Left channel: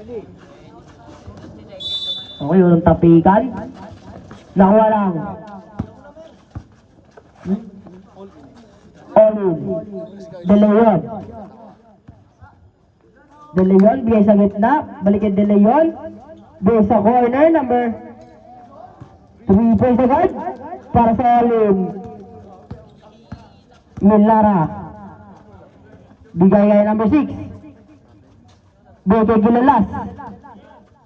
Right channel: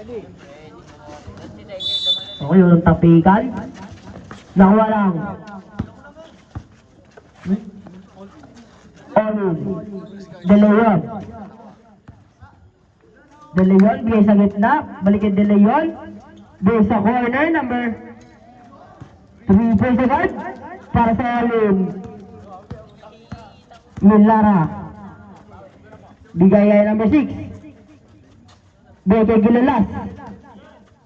Okay, walang tapikan. Nakuha lang. De Leon. De Leon, bigay sa gitna. Balikin De Leon. Bigay sa corner, number 3 points agad. Para sa Alin. Milara. Bigay kay number 6. Bigay kay Gilalas.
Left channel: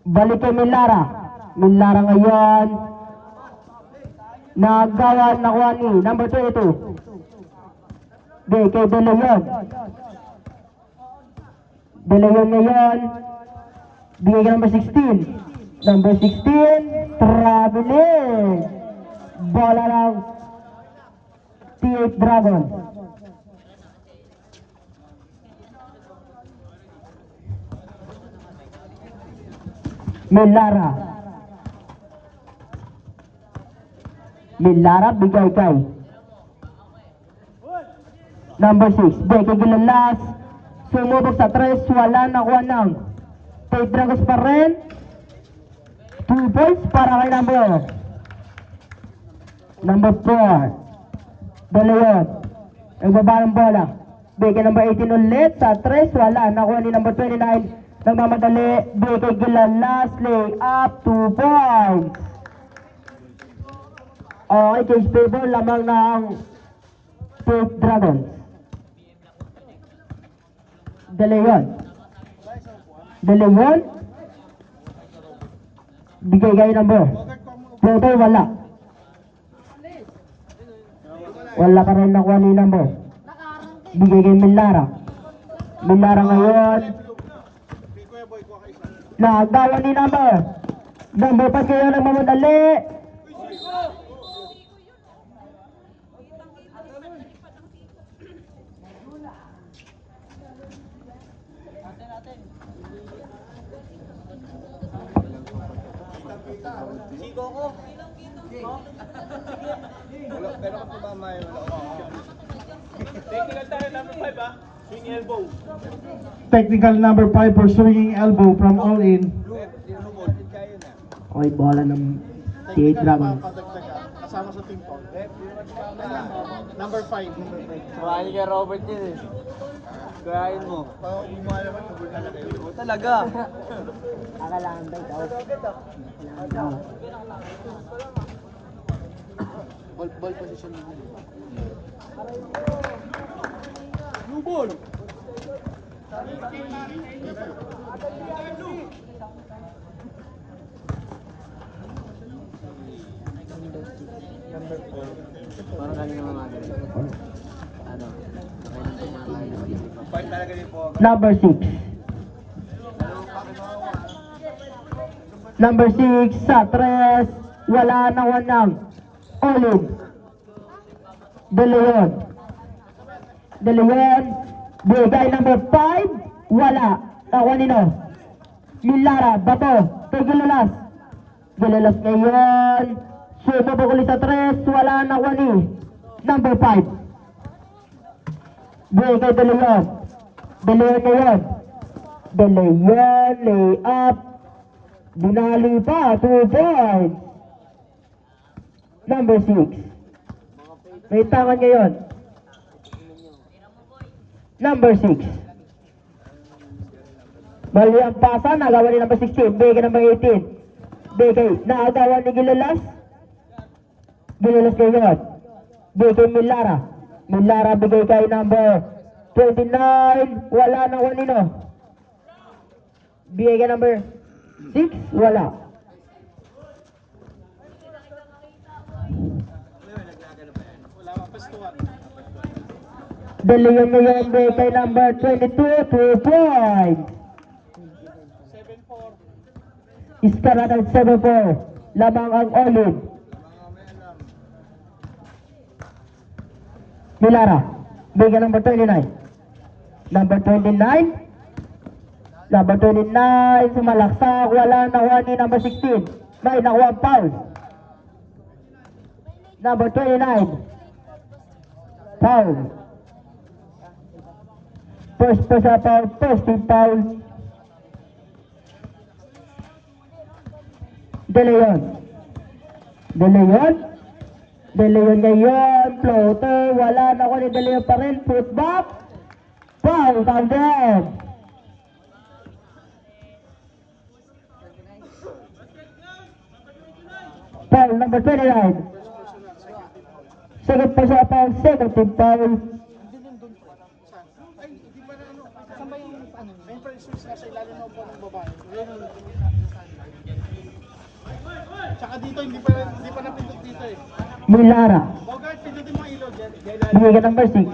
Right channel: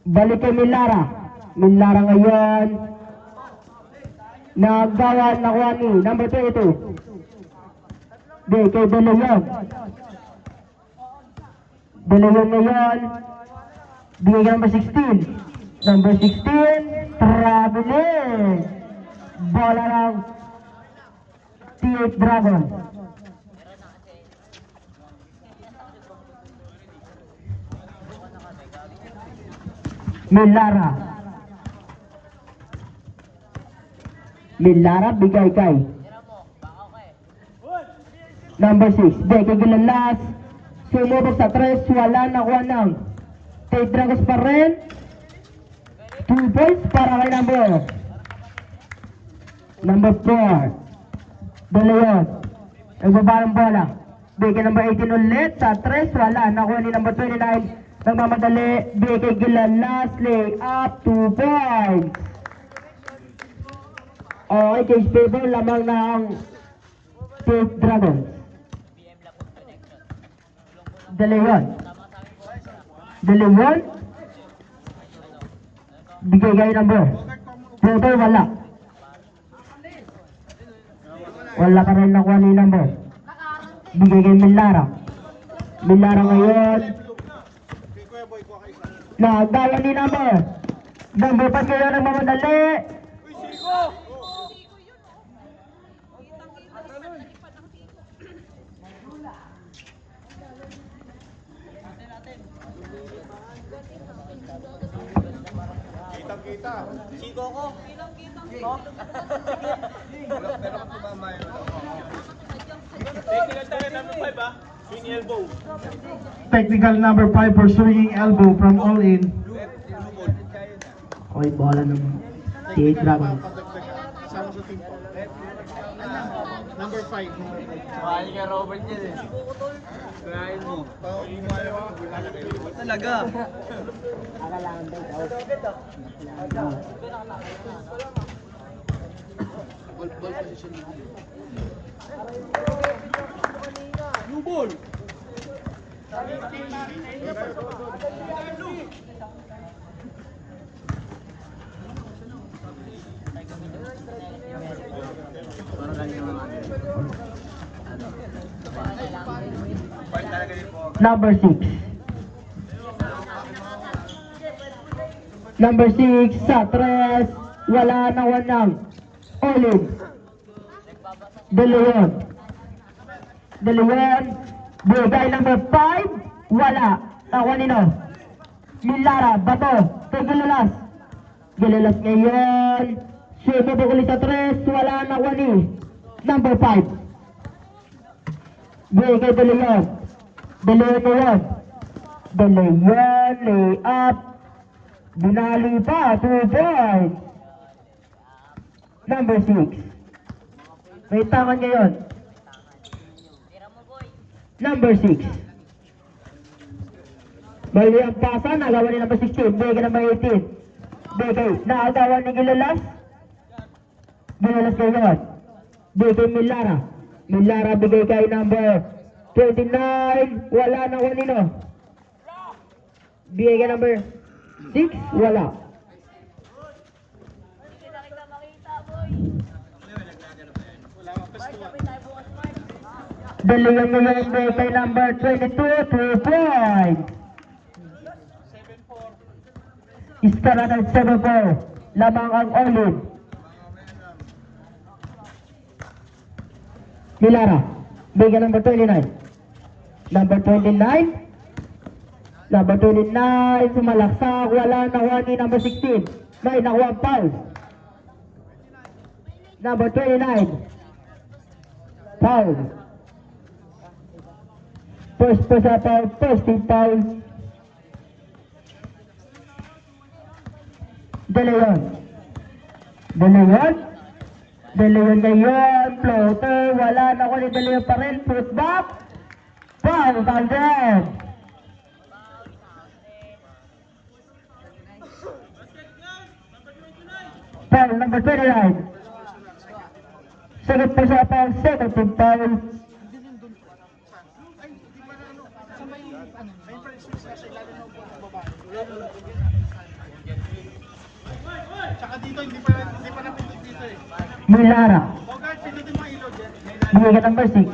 Balik kay Milara. Milara ngayon. Nagawa, nakuha ni number 22. Bigay kay De Leon. De Leon ngayon. Bigay kay number 16. Number 16. Traveling. Bola lang. T8 Dragon. Milara. Milara bigay kay number 6. Bigay kay Gilalas. Sumubok sa 3. Wala nakuha ng T8 Dragons pa rin. 2 points para kay number 4. De Leon. Nagbaba ang bola. Bigay kay number 18 ulit sa 3. Wala nakuha ni number 29. Nagmamadali, bigay Gilalas, lay up, 2 points. Okay, case favor, lamang ng T8 Dragons. De Leon. De Leon. Bigay kay number 22, wala. Wala ka rin nakuha ni number. Bigay kay Milara. Milara ngayon. Nagawa ni number. Number 5 kayo na mamadali. Sigo ko. Technical tayo number 5 ah. Swing elbow. Technical number 5 for swinging elbow from all in. Okay, bola ng T8 Dragons. Kasama sa team po. Number 5. Kuhain ka Robert yun eh. Kuhain mo. Talaga. Akalangan ba ikaw? Ball position mo. Blue ball. Number 6. Number 6 sa 3. Wala na wanang. Olin. De Leon. De Leon. Bigay number 5. Wala. Ako nino. Milara. Bato. Kay Gilalas. Gilalas ngayon. Sumabog ulit sa 3. Wala na wani. Number 5. Bigay kay De Leon. De Leon ngayon. De Leon. Lay up. Binali pa. 2 points. Number 6. May tangan ngayon. Number 6. Bali ang pasa. Nagawa ni number 16. Bigay number 18. Bigay. Naagawa ni Gilalas. Gilalas ngayon. Bigay Milara. Milara bigay kay number 29. Wala na kanino. Bigay kay number 6. Wala. De Leon ngayon bigay kay number 22. 2 points. Iskaratan 7-4. Lamang ang Olin. Milara. Bigay number 29. Number 29. Number 29. Sumalaksak. Wala nakuha ni number 16. May nakuha ang foul. Number 29. Foul. First foul. First team foul. De Leon. De Leon. De Leon ngayon. Floater. Wala na ko ni De Leon pa rin. Put back. Foul. 100. Foul number 29. Second pa siya foul. Second team foul. Tsaka dito, hindi pa napindot dito eh. Milara. Okay, pindutin mo ilog. Bigay ka number 6.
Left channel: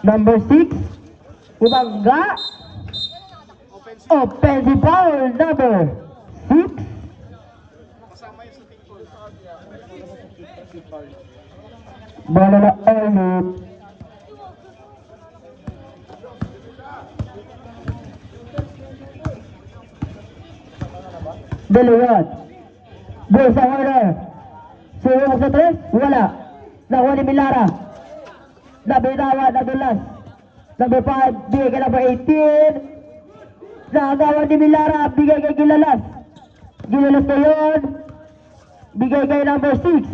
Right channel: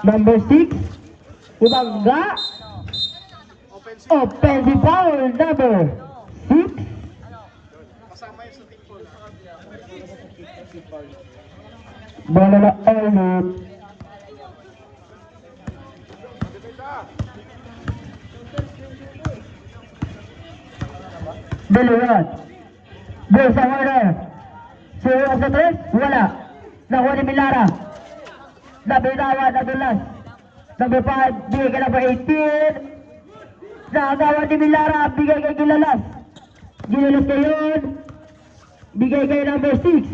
Number 6. Ubangga. Offensive. Offensive foul number 6. Kasama yung sa team foul. Bola na ulit. Dalawa. Dalawa sa kamera. Suwa sa 3. Wala. Nakuha ni Milara. Nabinawa. Nadulas. Number 5. Bigay ka number 18. Nakakuha ni Milara. Bigay kay Gilalas. Gilalas na yun. Bigay kay number 6.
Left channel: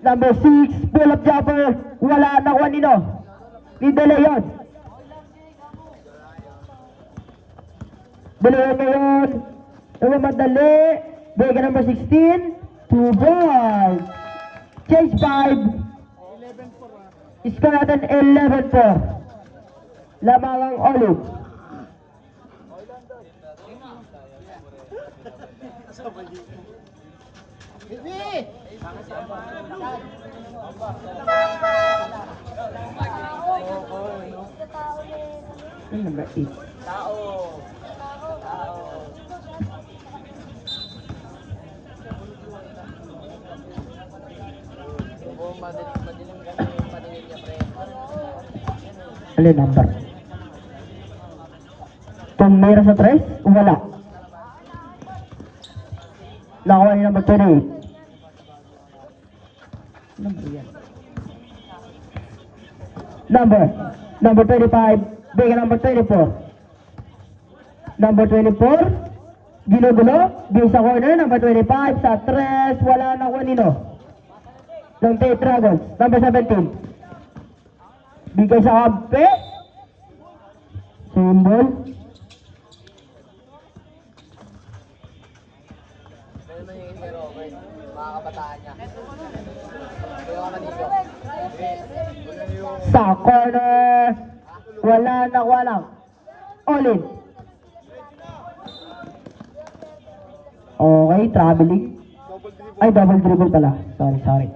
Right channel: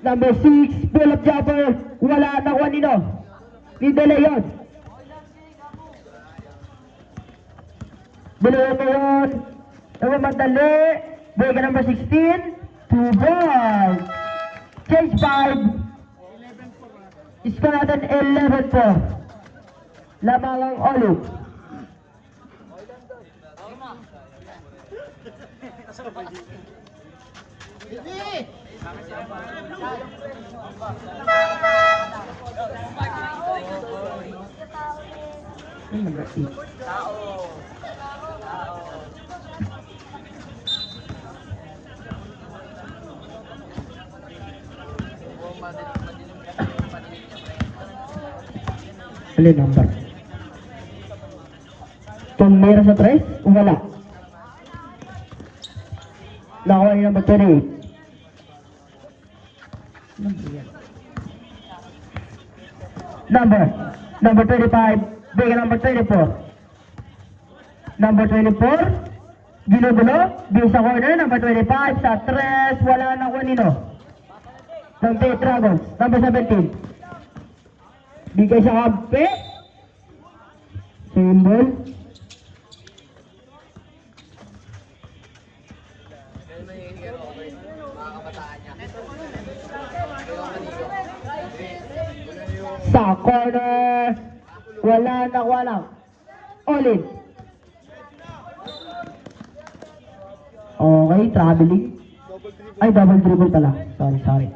Number 6, pull up jumper. Wala nakuha nino. Ni De Leon. De Leon ngayon. Kami magdali. Bigay ka number 16. 2 ball. Change 5. Score natin 11 po. Lamawang ulit. Number 8. Alin number? Kung mayroon sa 3, wala. Nakuha ni number 28. Number 25. Bigay number 24. Number 24. Ginudulo. Bigay sa corner. Number 25. Sa 3. Wala na ko nino. Number 8 Dragons. Number 17. Bigay sa kampe. Symbol. Sa corner. Wala na walang. All in. Okay, traveling. Ay, double dribble pala. Sorry.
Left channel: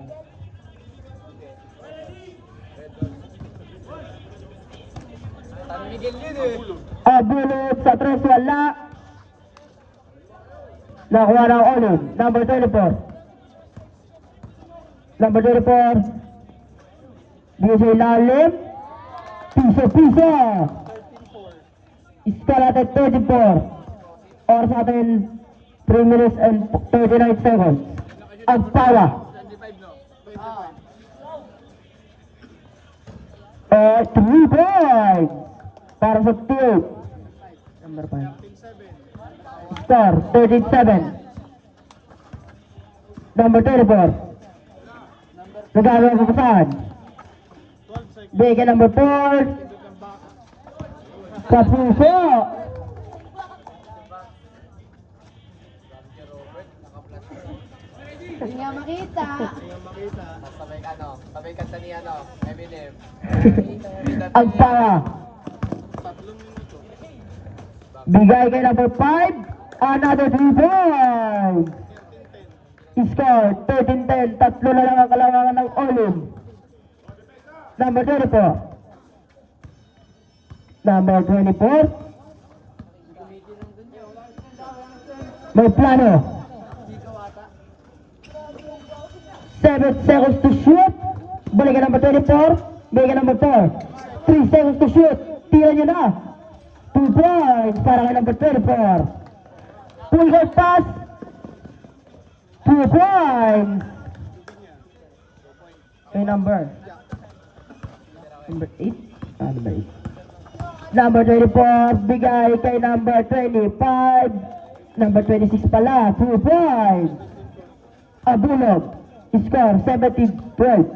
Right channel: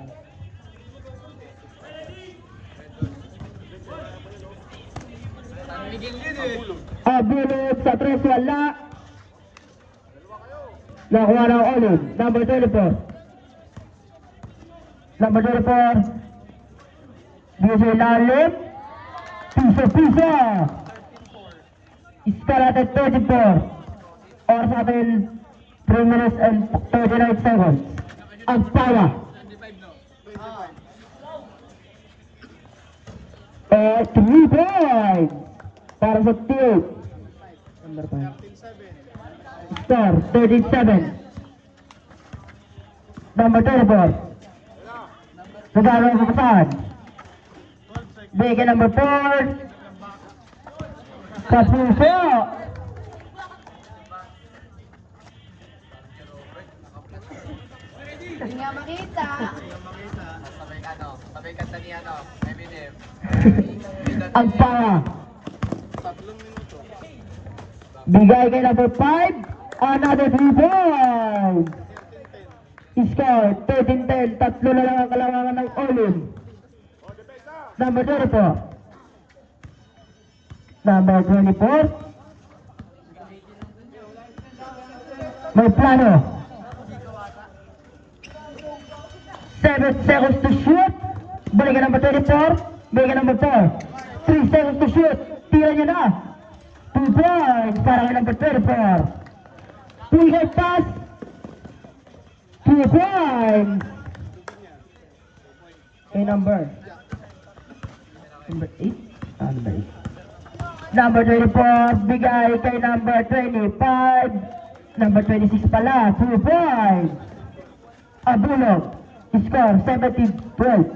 Bulot sa 3, wala. Nakuha ng all in. Number 24. Number 24. Bigay sa ilalim. Piso. Score natin 34. Oras natin 3 minutes and 39 seconds. Ang tawa. 3 points. Para sa team. Number 5. Score 37. Number 34. Nagagawa sa saan? Bigay number 4. Sa puso. Ang tawa. Bigay kay number 5. Another 3 points. Score 13-10. Tatlo na lang ang kailangan ng all-in. Number 24. Number 24. May plano. 7 seconds to shoot. Balik number 24. Balik number 4. 3 seconds to shoot. Tira nyo na. 2 points para kay number 24. Full court pass. 2 points. Okay, number 8. Number 24, bigay kay number 25. Number 26 pala, 2 points. Abulog, score 17-12.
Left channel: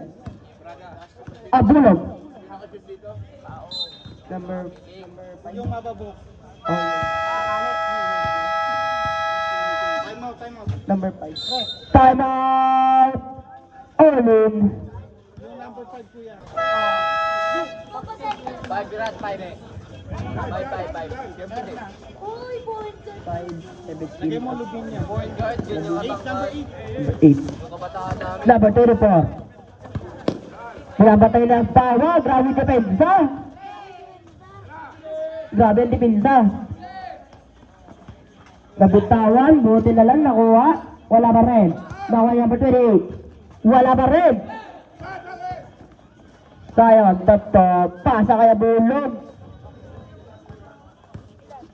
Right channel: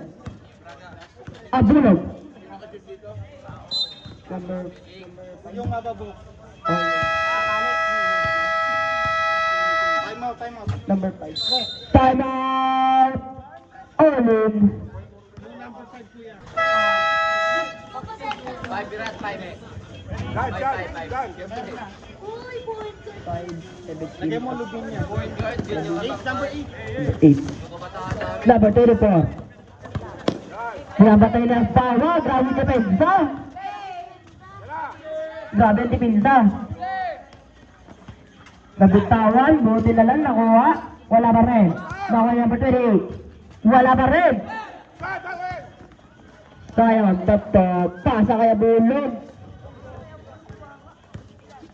Abulog. Yung mababo. Oh, Time out. number 5. Time out. Olin. Lagyan mo lugin niya. Number 8. Number 24. Nabatay na ang tawa. Grabe ang depensa. Grabe ang depensa. Nabutawan. Buti na lang nakuha. Wala pa rin. Nakuha number 28. Wala pa rin. Sayang. Pasa kaya bulog.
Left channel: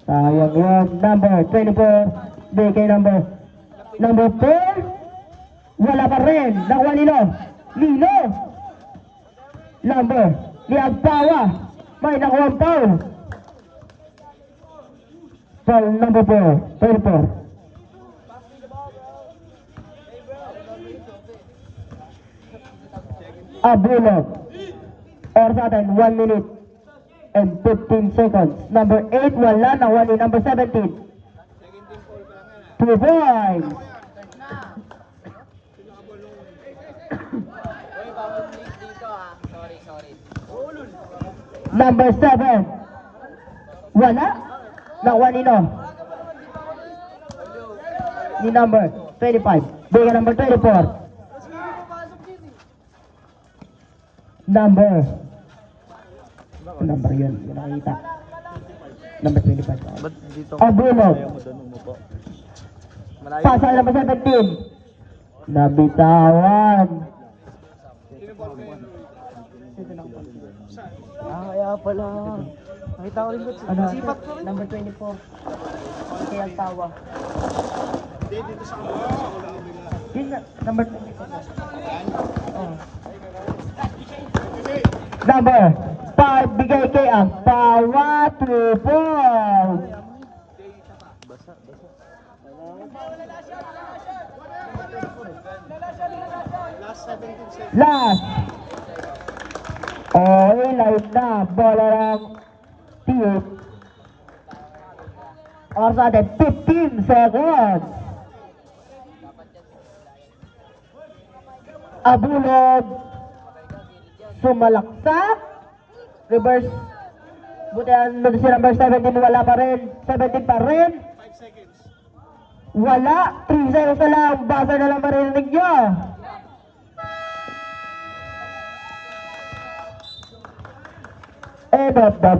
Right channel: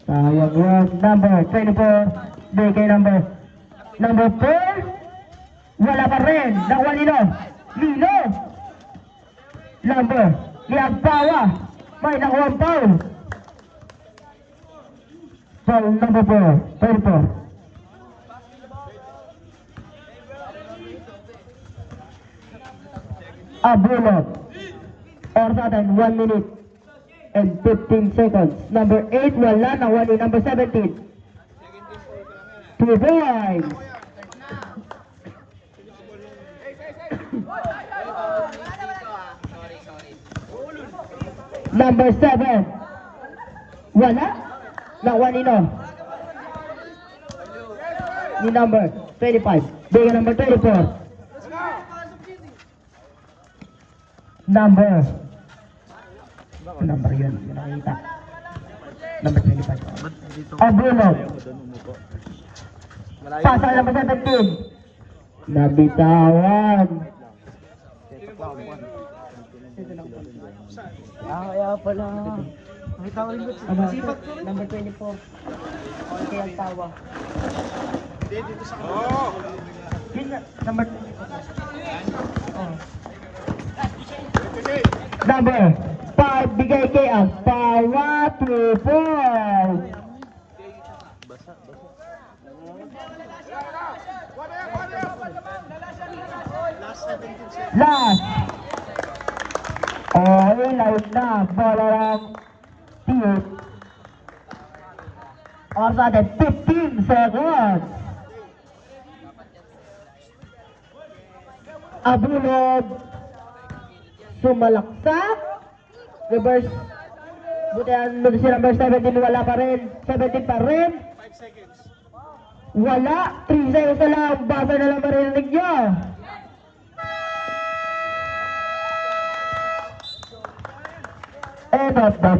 Sayang yun. Number 24. Bigay number 4. Wala pa rin. Nakuha Lino. Lino. Number. Liagpawa. May nakuha ang foul. Foul number 4. 24. Abulog. Or sa atin, 1 minute and 15 seconds. Number 8, wala na. Wala number 17. 2 points. Number 7. Wala. Nakuha nino. Ni number 25. Bigay number 24. Number yun? Yun nakita. Number 25. Abulog. Pasa number 17. Nabitawan. Kaya pala. Ano? Number 24. Okay, ang tawa. Number Number 5, bigay kay ang Pawa 2 points. Last. Live na. Bola ng tiyot. O sa atin, 15 seconds. Abulog. Sumalaksak. Reverse. Buti ang si number 17 wala pa rin. 17 pa rin. 5 seconds. Wala. 3 seconds na lang. Basa na lang marinig nyo. End of the